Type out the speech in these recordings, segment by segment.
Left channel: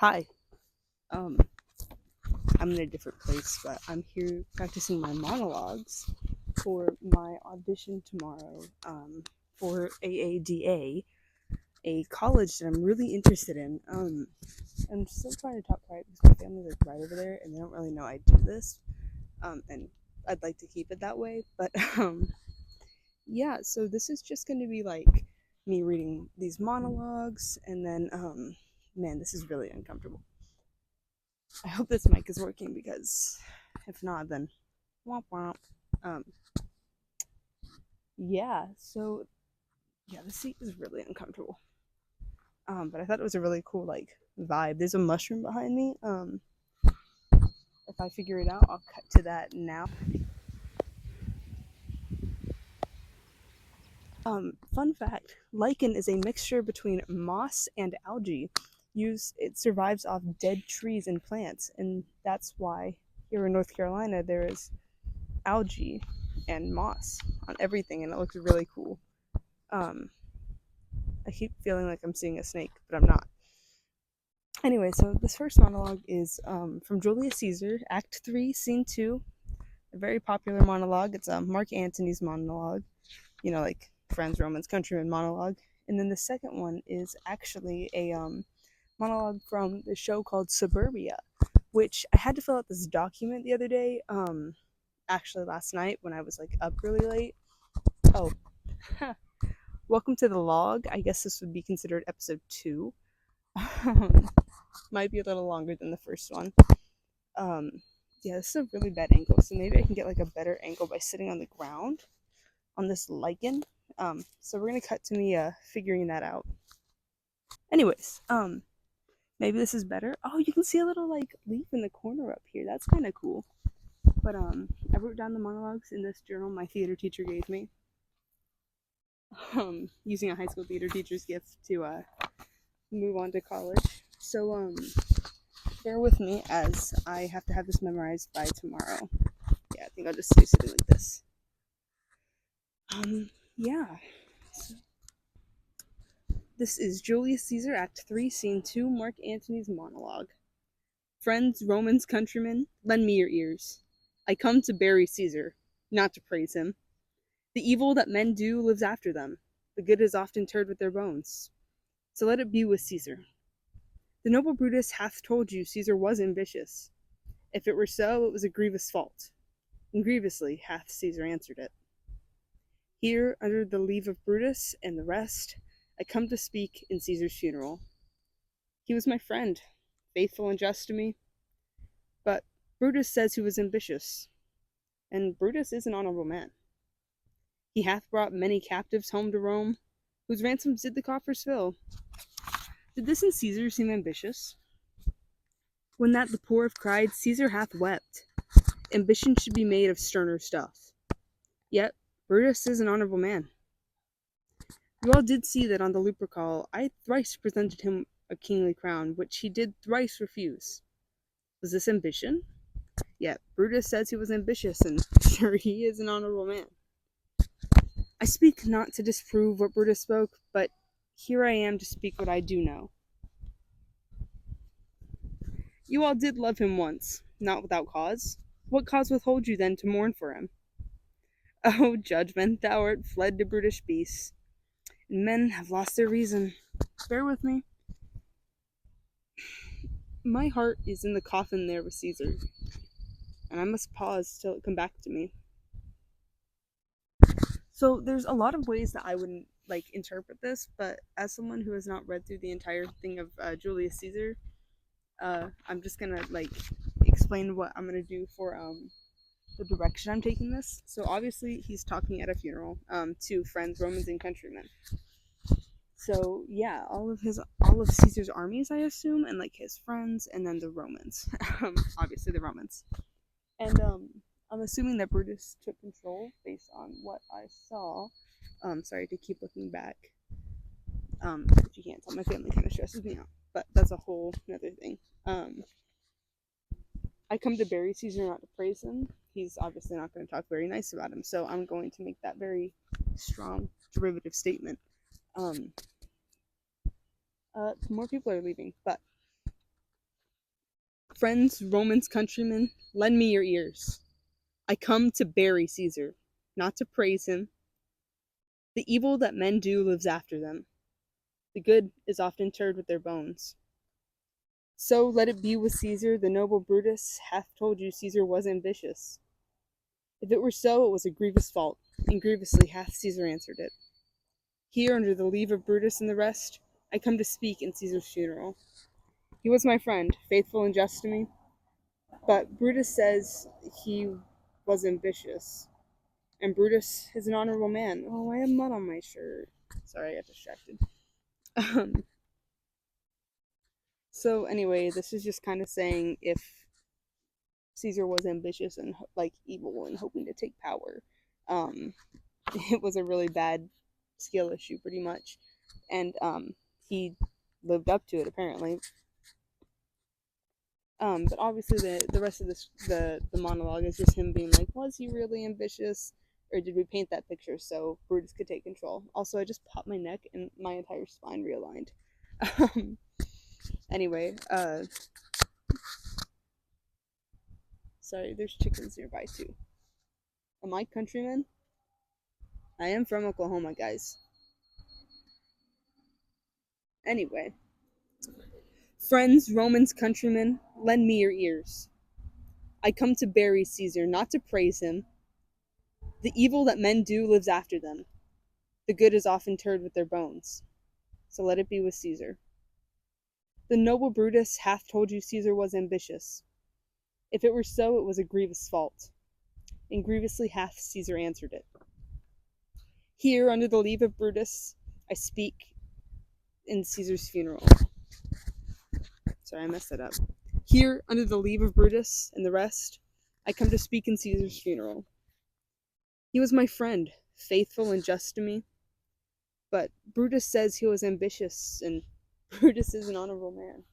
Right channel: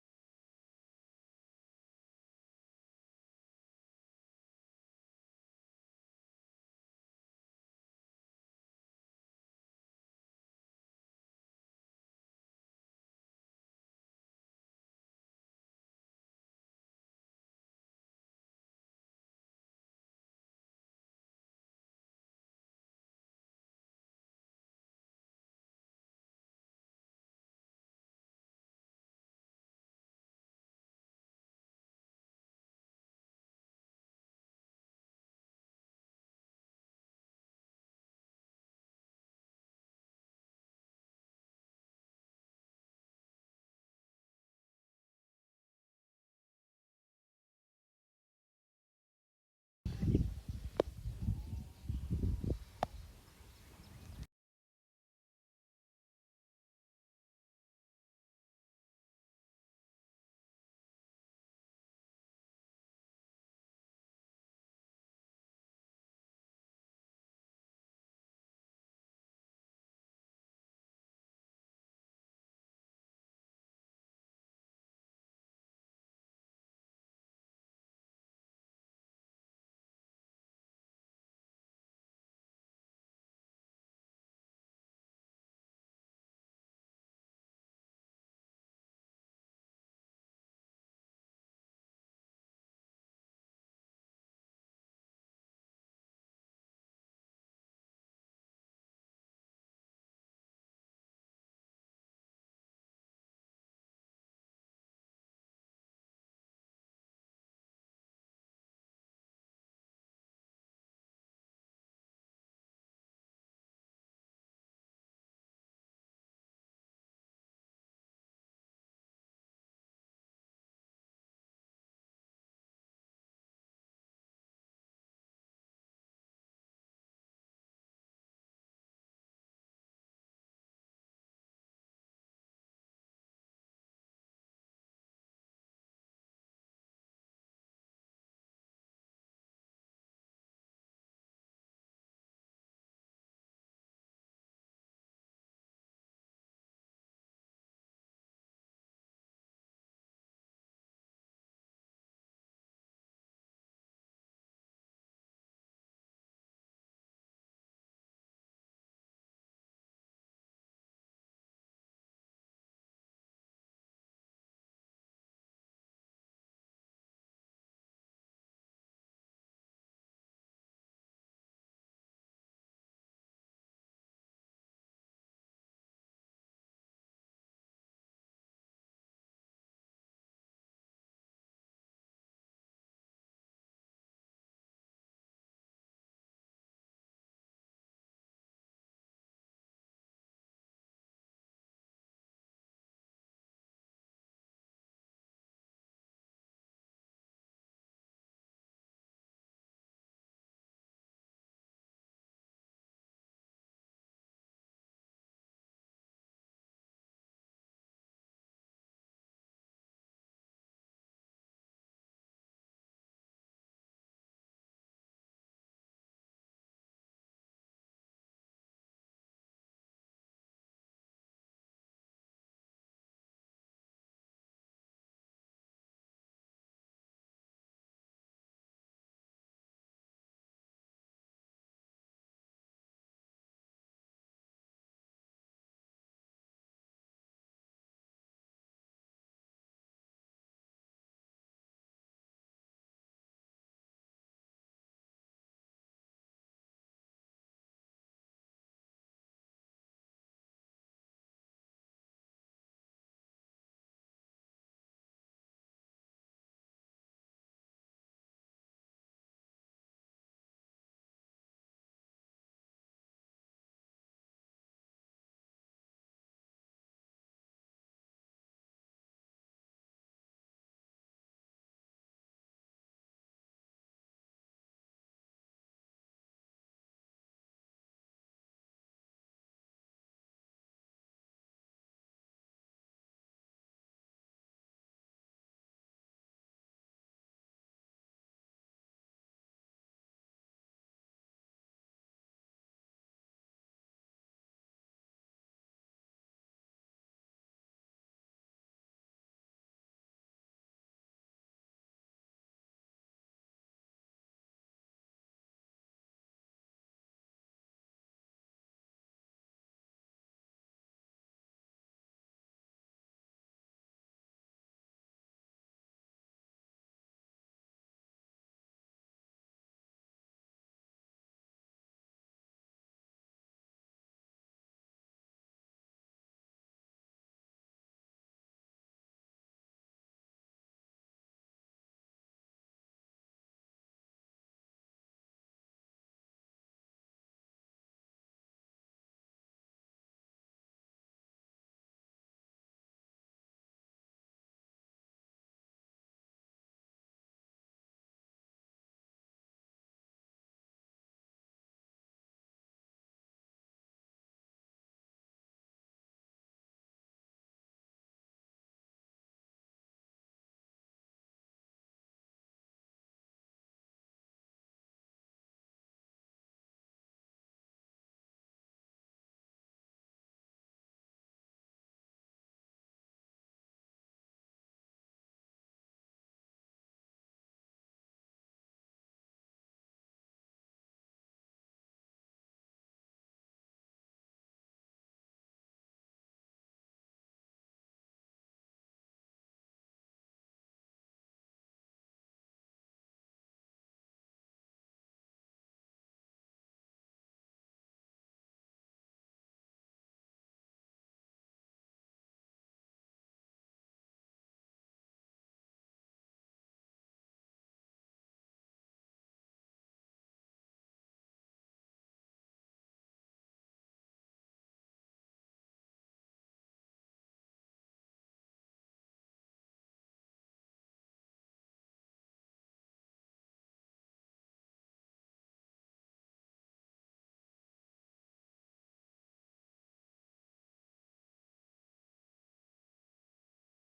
Hi. Um, I'm in a different place, but I'm here practicing my monologues for my audition tomorrow for AADA, a college that I'm really interested in. I'm still trying to talk quiet because my family's like right over there and they don't really know I do this. And I'd like to keep it that way, but yeah, so this is just going to be like me reading these monologues and then man, this is really uncomfortable. I hope this mic is working because if not, then womp womp. Um, yeah, so yeah, the seat is really uncomfortable. But I thought it was a really cool like vibe. There's a mushroom behind me. If I figure it out, I'll cut to that now. Fun fact: lichen is a mixture between moss and algae. It survives off dead trees and plants, and that's why here in North Carolina there is algae and moss on everything, and it looks really cool. Um, I keep feeling like I'm seeing a snake, but I'm not. Anyway, so this first monologue is from Julius Caesar, Act 3, Scene 2. A very popular monologue. It's Mark Antony's monologue, like Friends, Romans, Countrymen monologue. And then the second one is actually a monologue from the show called Suburbia, which I had to fill out this document the other day, actually last night when I was like up really late. Oh, welcome to the log. I guess this would be considered episode 2. Might be a little longer than the first one. Um, yeah, this is a really bad angle, so maybe I can get like a better angle by sitting on the ground on this lichen. So we're gonna cut to me figuring that out. Anyways, maybe this is better. Oh, you can see a little like leaf in the corner up here. That's kind of cool. But I wrote down the monologues in this journal my theater teacher gave me. Using a high school theater teacher's gift to move on to college. So bear with me as I have to have this memorized by tomorrow. Yeah, I think I'll just do something like this. Yeah. So, this is Julius Caesar, Act 3, Scene 2, Mark Antony's monologue. Friends, Romans, countrymen, lend me your ears. I come to bury Caesar, not to praise him. The evil that men do lives after them. The good is often interred with their bones. So let it be with Caesar. The noble Brutus hath told you Caesar was ambitious. If it were so, it was a grievous fault, and grievously hath Caesar answered it. Here, under the leave of Brutus and the rest, I come to speak in Caesar's funeral. He was my friend, faithful and just to me, but Brutus says he was ambitious, and Brutus is an honorable man. He hath brought many captives home to Rome, whose ransoms did the coffers fill. Did this in Caesar seem ambitious? When that the poor have cried, Caesar hath wept. Ambition should be made of sterner stuff. Yet Brutus is an honorable man. You all did see that on the Lupercal I thrice presented him a kingly crown, which he did thrice refuse. Was this ambition? Yet Brutus says he was ambitious, and sure he is an honorable man. I speak not to disprove what Brutus spoke, but here I am to speak what I do know. You all did love him once, not without cause. What cause withhold you then to mourn for him? Oh, judgment, thou art fled to brutish beasts, and men have lost their reason. Bear with me. My heart is in the coffin there with Caesar, and I must pause till it come back to me. So there's a lot of ways that I would like interpret this, but as someone who has not read through the entire thing of Julius Caesar, I'm just gonna like explain what I'm gonna do for the direction I'm taking this. So obviously he's talking at a funeral to friends, Romans, and countrymen. So yeah, all of Caesar's armies, I assume, and like his friends, and then the Romans, obviously the Romans, and I'm assuming that Brutus took control based on what I saw. Sorry to keep looking back. If you can't tell, my family kind of stresses me out, but that's a whole another thing. I come to bury Caesar, not to praise him. He's obviously not going to talk very nice about him, so I'm going to make that very strong derivative statement. More people are leaving, but Friends, Romans, countrymen, lend me your ears. I come to bury Caesar, not to praise him. The evil that men do lives after them. The good is often interred with their bones. So let it be with Caesar. The noble Brutus hath told you Caesar was ambitious. If it were so, it was a grievous fault, and grievously hath Caesar answered it. Here, under the leave of Brutus and the rest, I come to speak in Caesar's funeral. He was my friend, faithful and just to me, but Brutus says he was ambitious, and Brutus is an honorable man. Oh, I have mud on my shirt. Sorry, I got distracted. So anyway, this is just kind of saying if Caesar was ambitious and like evil and hoping to take power, it was a really bad skill issue, pretty much, and he lived up to it apparently. But obviously the rest of the monologue is just him being like, was he really ambitious, or did we paint that picture so Brutus could take control? Also, I just popped my neck and my entire spine realigned. Anyway, sorry, there's chickens nearby too. Am I countryman? I am from Oklahoma, guys. Anyway, friends, Romans, countrymen, lend me your ears. I come to bury Caesar, not to praise him. The evil that men do lives after them. The good is often interred with their bones. So let it be with Caesar. The noble Brutus hath told you Caesar was ambitious. If it were so, it was a grievous fault, and grievously hath Caesar answered it. Here, under the leave of Brutus, I speak in Caesar's funeral. Sorry, I messed that up. Here, under the leave of Brutus and the rest, I come to speak in Caesar's funeral. He was my friend, faithful and just to me, but Brutus says he was ambitious, and Brutus is an honorable man.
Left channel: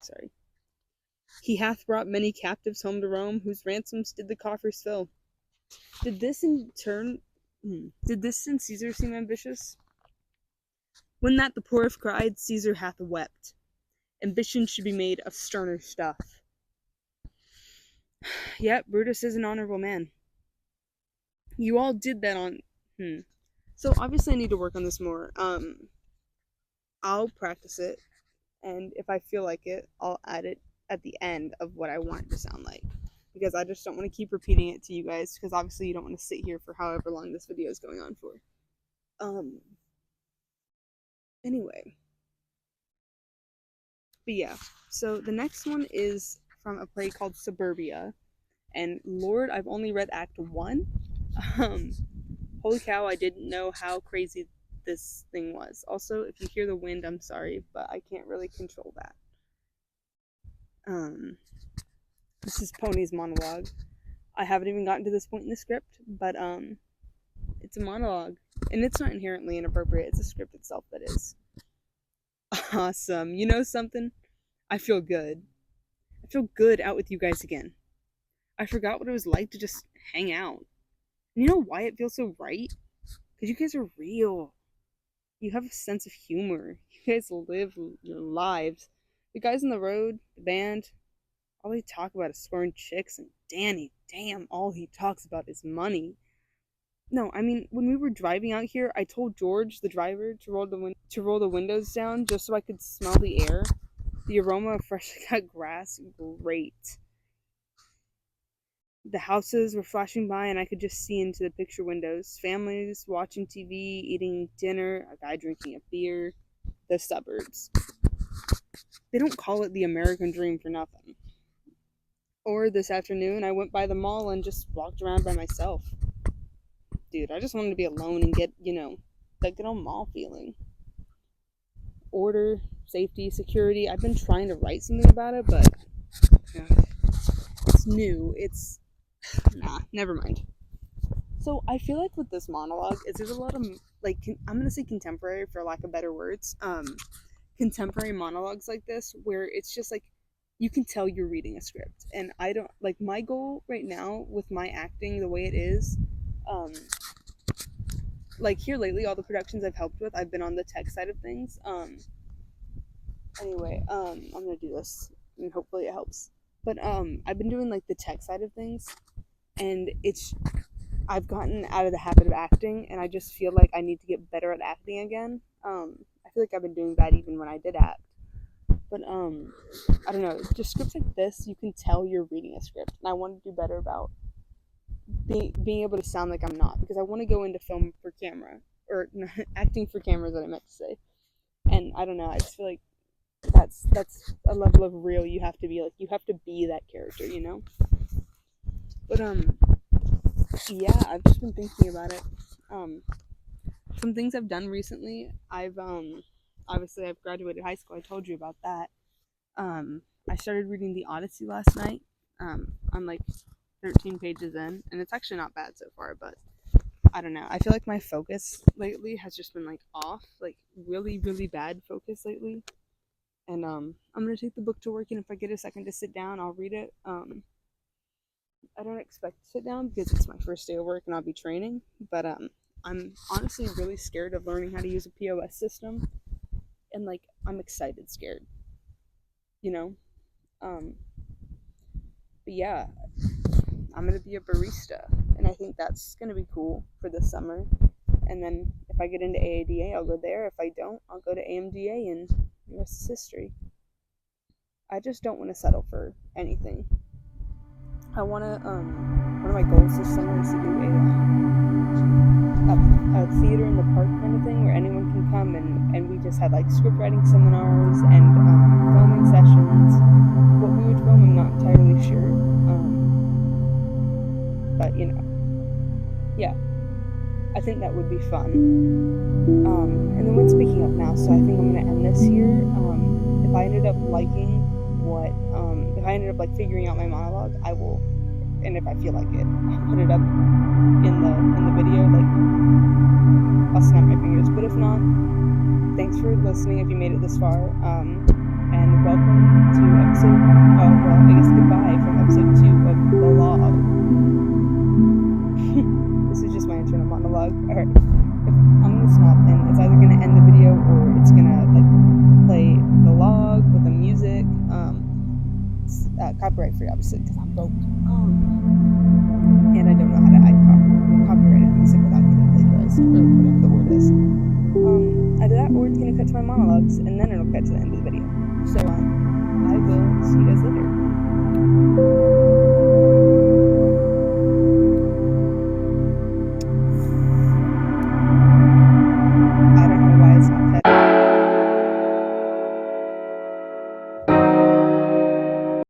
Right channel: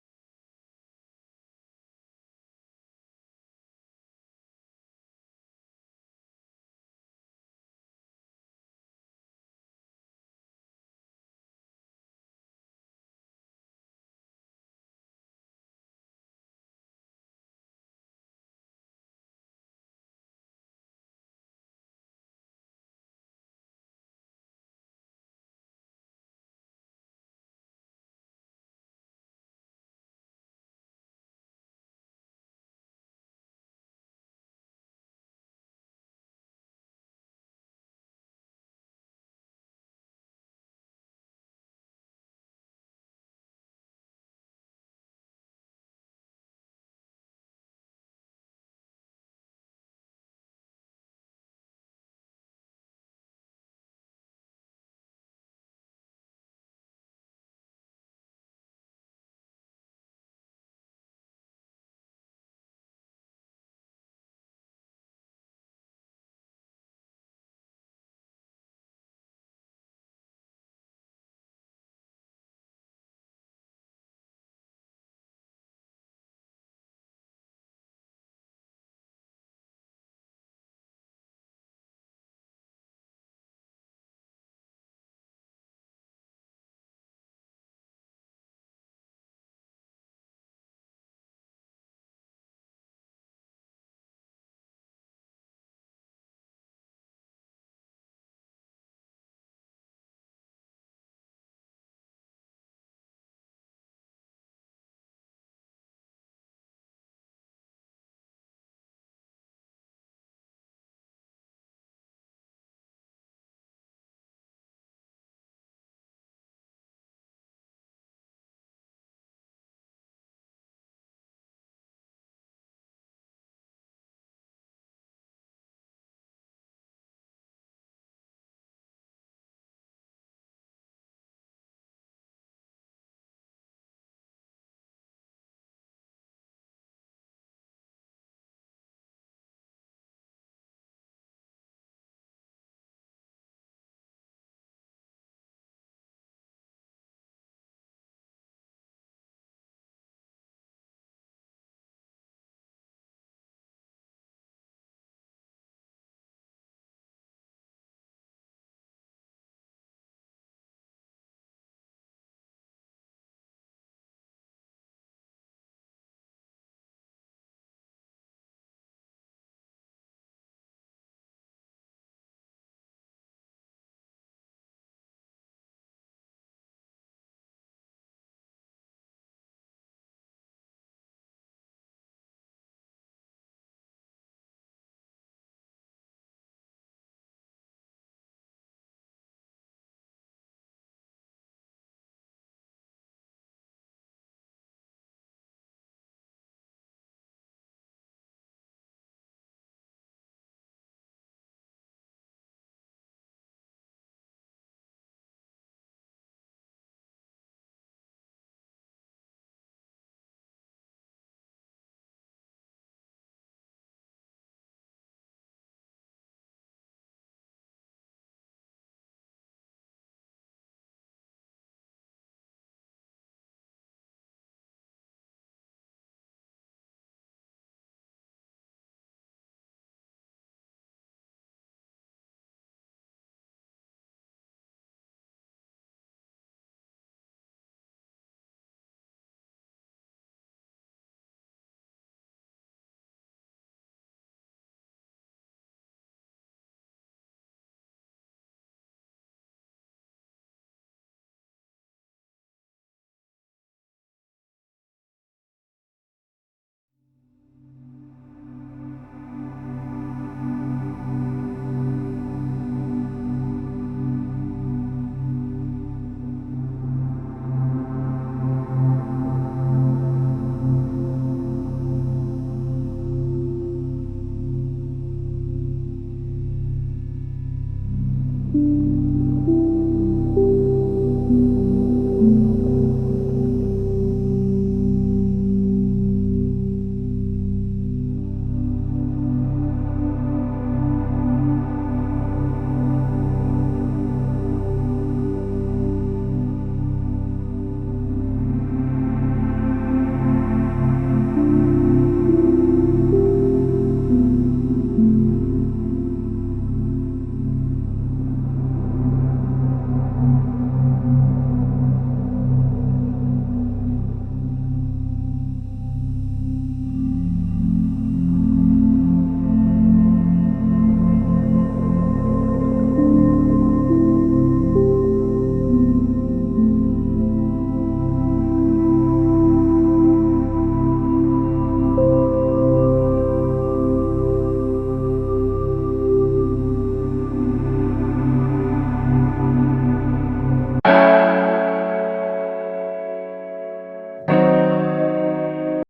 Sorry. He hath brought many captives home to Rome, whose ransoms did the coffers fill. Did this in Caesar seem ambitious? When that the poor have cried, Caesar hath wept. Ambition should be made of sterner stuff. Yet Brutus is an honorable man. You all did that on So obviously I need to work on this more. I'll practice it, and if I feel like it, I'll add it at the end of what I want it to sound like. Because I just don't want to keep repeating it to you guys, because obviously you don't want to sit here for however long this video is going on for. Anyway. But yeah, so the next one is from a play called Suburbia. And Lord, I've only read Act 1. Holy cow, I didn't know how crazy this thing was. Also, if you hear the wind, I'm sorry, but I can't really control that. This is Pony's monologue. I haven't even gotten to this point in the script, but it's a monologue, and it's not inherently inappropriate. It's the script itself that is. Awesome. You know something? I feel good. I feel good out with you guys again. I forgot what it was like to just hang out. And you know why it feels so right? Because you guys are real. You have a sense of humor. You guys live your lives. The guys on the road, the band, all they talk about is scoring chicks, and Danny, damn, all he talks about is money. No, I mean, when we were driving out here, I told George, the driver, to roll the windows down just so I could smell the air. The aroma of freshly cut grass, great. The houses were flashing by, and I could just see into the picture windows. Families watching TV, eating dinner, a guy drinking a beer. The suburbs. They don't call it the American dream for nothing. Or this afternoon, I went by the mall and just walked around by myself. Dude, I just wanted to be alone and get, that good old mall feeling. Order, safety, security. I've been trying to write something about it, but it's new. Nah, never mind. So I feel like with this monologue, there's a lot of, I'm going to say contemporary for lack of better words, contemporary monologues like this, where it's just like, you can tell you're reading a script. And I don't, my goal right now with my acting the way it is, here lately, all the productions I've helped with, I've been on the tech side of things, Anyway, I'm gonna do this and hopefully it helps. But I've been doing like the tech side of things, and I've gotten out of the habit of acting, and I just feel like I need to get better at acting again. I feel like I've been doing bad even when I did act. But I don't know, just scripts like this, you can tell you're reading a script, and I want to do better about being able to sound like I'm not, because I want to go into film for camera, or acting for camera is what I meant to say. And I don't know, I just feel like that's a level of real you have to be, like you have to be that character, you know. But yeah, I've just been thinking about it. Some things I've done recently, I've obviously I've graduated high school, I told you about that. I started reading the Odyssey last night. I'm like 13 pages in, and it's actually not bad so far, but I don't know, I feel like my focus lately has just been like off, like really really bad focus lately. And I'm gonna take the book to work, and if I get a second to sit down, I'll read it. I don't expect to sit down because it's my first day of work and I'll be training, but I'm honestly really scared of learning how to use a POS system, and like I'm excited scared, you know. Um, but yeah, I'm gonna be a barista, and I think that's gonna be cool for the summer. And then if I get into AADA, I'll go there. If I don't, I'll go to AMDA, and the rest is history. I just don't want to settle for anything. I want to, one of my goals this summer is to do a theater in the park kind of thing where anyone can come, and we just had like script writing seminars and filming sessions. What we would film, I'm not entirely sure. But you know, yeah, I think that would be fun. And then when speaking of now, so I think I'm gonna end this here. If I ended up liking if I ended up like figuring out my monologue, I will, and if I feel like it, I'll put it up in the video. Like I'll snap my fingers. But if not, thanks for listening. If you made it this far, and welcome to episode. I guess goodbye from episode 2 of the log. This is just my internal monologue. All right, I'm gonna stop, and it's either gonna end the video or it's gonna like play the log with the music. Copyright free, obviously, because I'm broke. And I don't know how to add copyrighted music without getting plagiarized.